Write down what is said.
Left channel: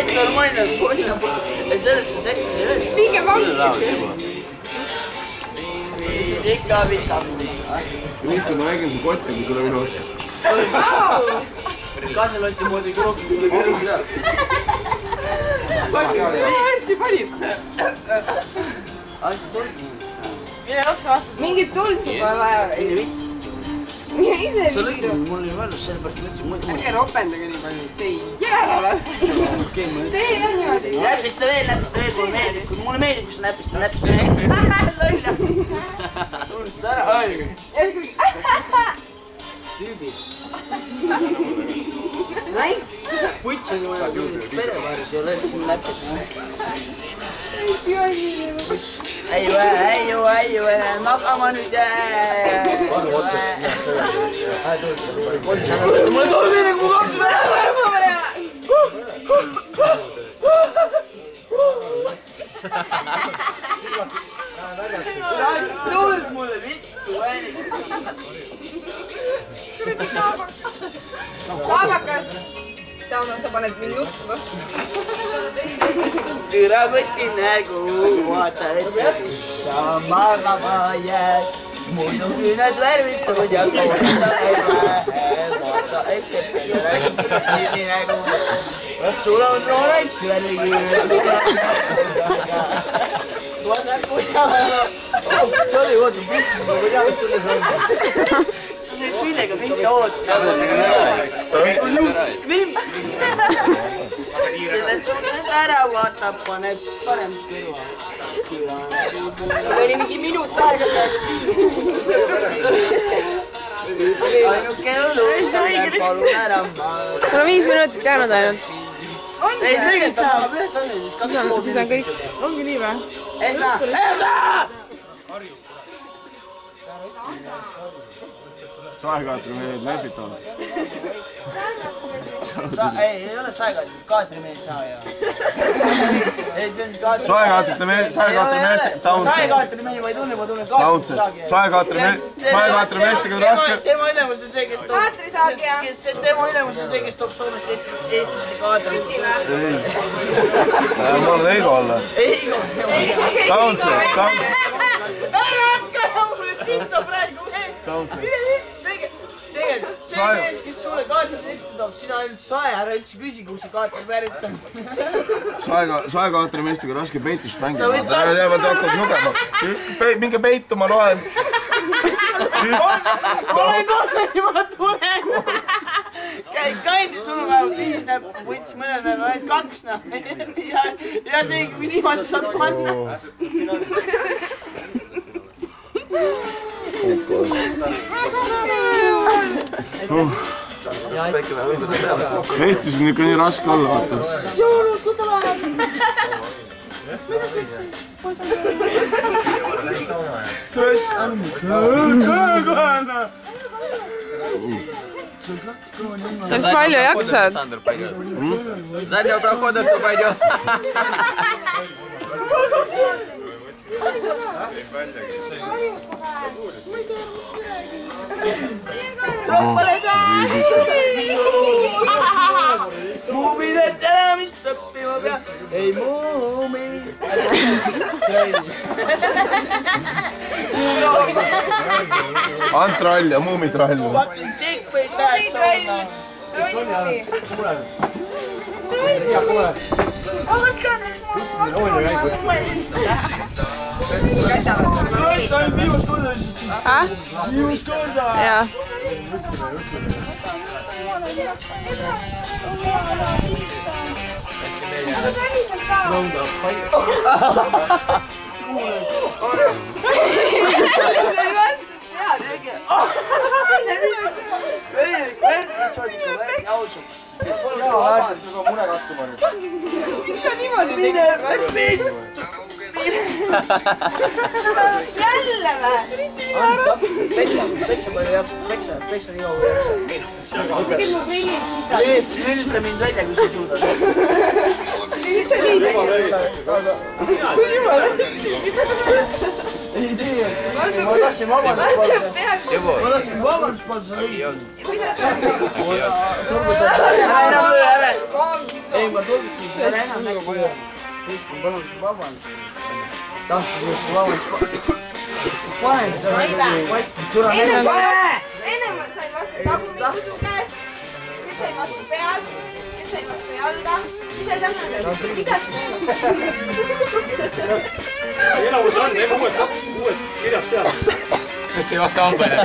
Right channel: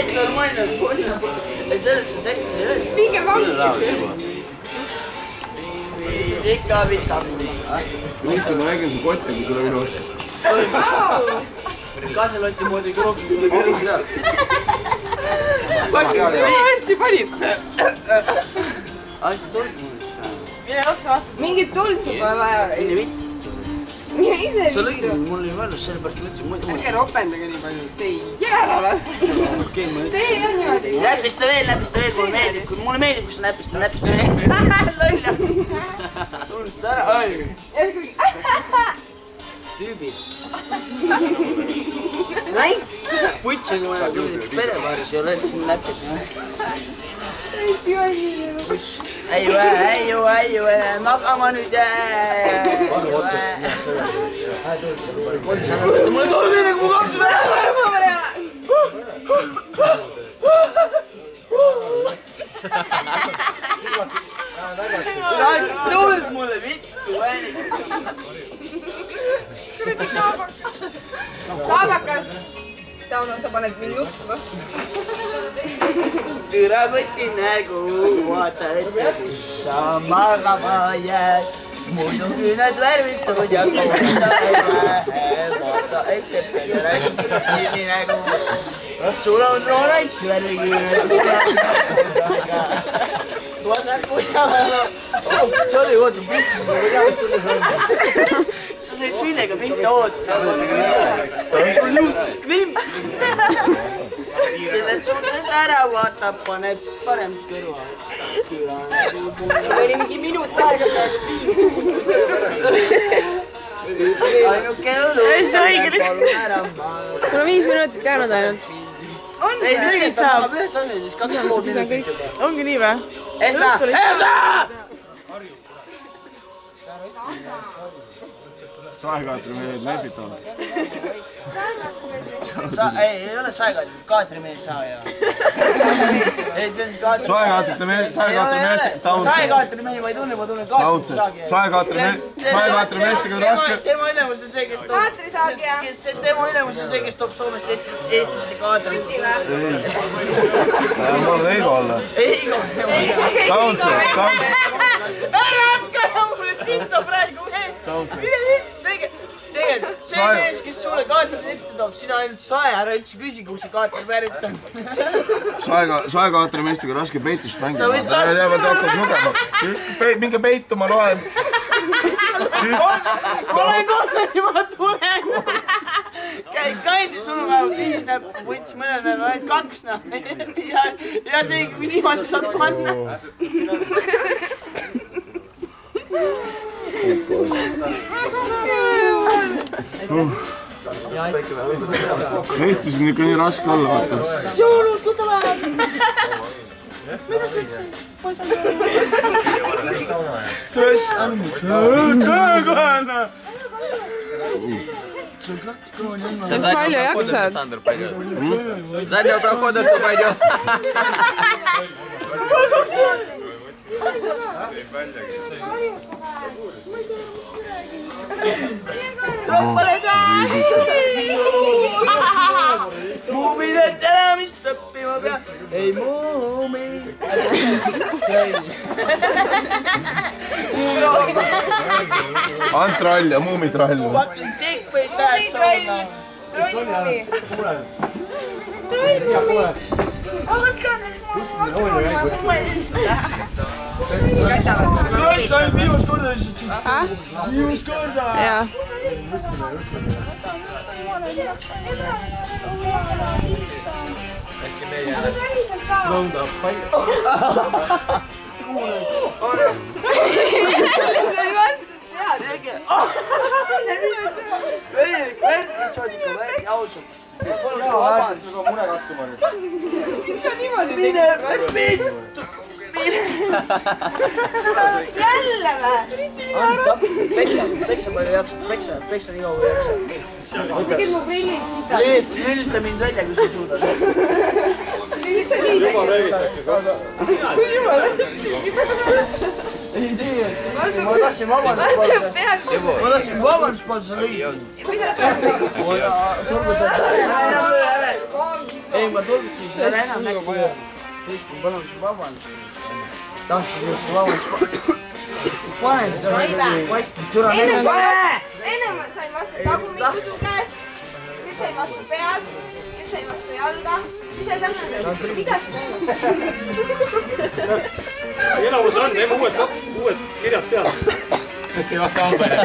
Et normaalne pull. Sellest on hästi lööd. Minge vangi. Ikka vitamiin. Mõista, ma räägin su kotti, kui sulle minu ostist. Kaselotti moodi krooksid sulle kõrgi. Hästi panib. Ainult tuld. Mine otsa vastu. Mingit tuld juba vaja. Mine ise Sa lõigid mul oli valus, sellepärast mõtlesin. Ärge ropendage nii palju. Tei jääle. Tee on niimoodi. Näpista veel, mulle meeldib. Mulle meeldib, kui sa näpista veel. Lolla. Unust ära. Tüübid. Näi? Puts on ju perevaaris ja oled siin näpid. Äiu, magama nüüd mulle tuleb nii nagu mu kapsu välja. Tuld mulle vittu ääni. Kaabakas. Tauno, sa paned mind juttu. Türa võti nägu, vaata ette, kus sa magama jääd. Muidugi need värvitud ja koolisa ei lähe. Vaata ette, peale hästi nägu. Kas sul on oranž värvi? Sorry, oota, pritsis, ma ei tea, mis sulle sõndas. Sa said süllega pihta oota. Sul juustus krimp. Selles suhtes ära vaata, paneb parem kõrva. Oli mingi minut aega peale. Ainuke õlu. Palun ära maal. Mul on 5 minutit jäänud ainult. Ei, tegelikult saab ühes asjades 2,5 minutit. Ongi nii või? Esta! Saekaatrimehed näpitavad. Ei ole saekaatrimehed, kaatrimehed saa ja. Saekaatrimehed, Saekaatrimehi ma ei tunne, ma tunnen kaatrimehed. Saekaatrimeestega on raske. Tema ülemus on see, kes toob... Tema ülemus on see, kes toob Soomest Eestisse kaadri. Ma olen Eigo olla. Eigo. Taunse. Ära hakka mulle sinta praegu mees. Tegelikult see mees, kes sulle kaatrit ette toob, sina ainult sae, ära üldse küsi, kus see kaatrit väärib on. Saekaatrimeestega on raske peitust mängida. Sa võid saada minge peitu, ma loen. Olen kolleni, ma tulen. Kandi, sul on vähemalt 5 näppu, võttis mõnel näeval ainult 2 näeval. Ja see, kui niimoodi saad panna. Eestis on ikka nii raske olla, vaata. Jõulud, võta vähem! Mida sa ütlesid? Tõs, Sa palju jaksad? Заднего прохода все пойдет. Muuminet elamist õppima pea. Ei muumi. Antrall ja muumitrall. Fucking dick või sääs saada. Trolli. Kross ainult viimast korda lihtsalt. Viimast korda. Jaa. Nõuda palju. Jälle vä? Peksa palju jaksad, peksa nii kaua jaksad. Tegid mu prillid sita. Lülita mind välja, kui sa suudad. Lülita nii välja. Ei tee, ma tahtsin vabandust palda, sa lõid. Mida sa? Turgutada. juba tulnud, siis ei ole enam äkki. Kristin, palun siis vabandust. Tahtsin just vabandust. Panen seda vasti, tule ennem sain vastu tagumiku su käest, nüüd sain vastu pead, nüüd sain vastu jalga, nüüd sain täpselt igas päeval. Enamus on, teeme uued kirjad peale. Nüüd see ei vasta hambele.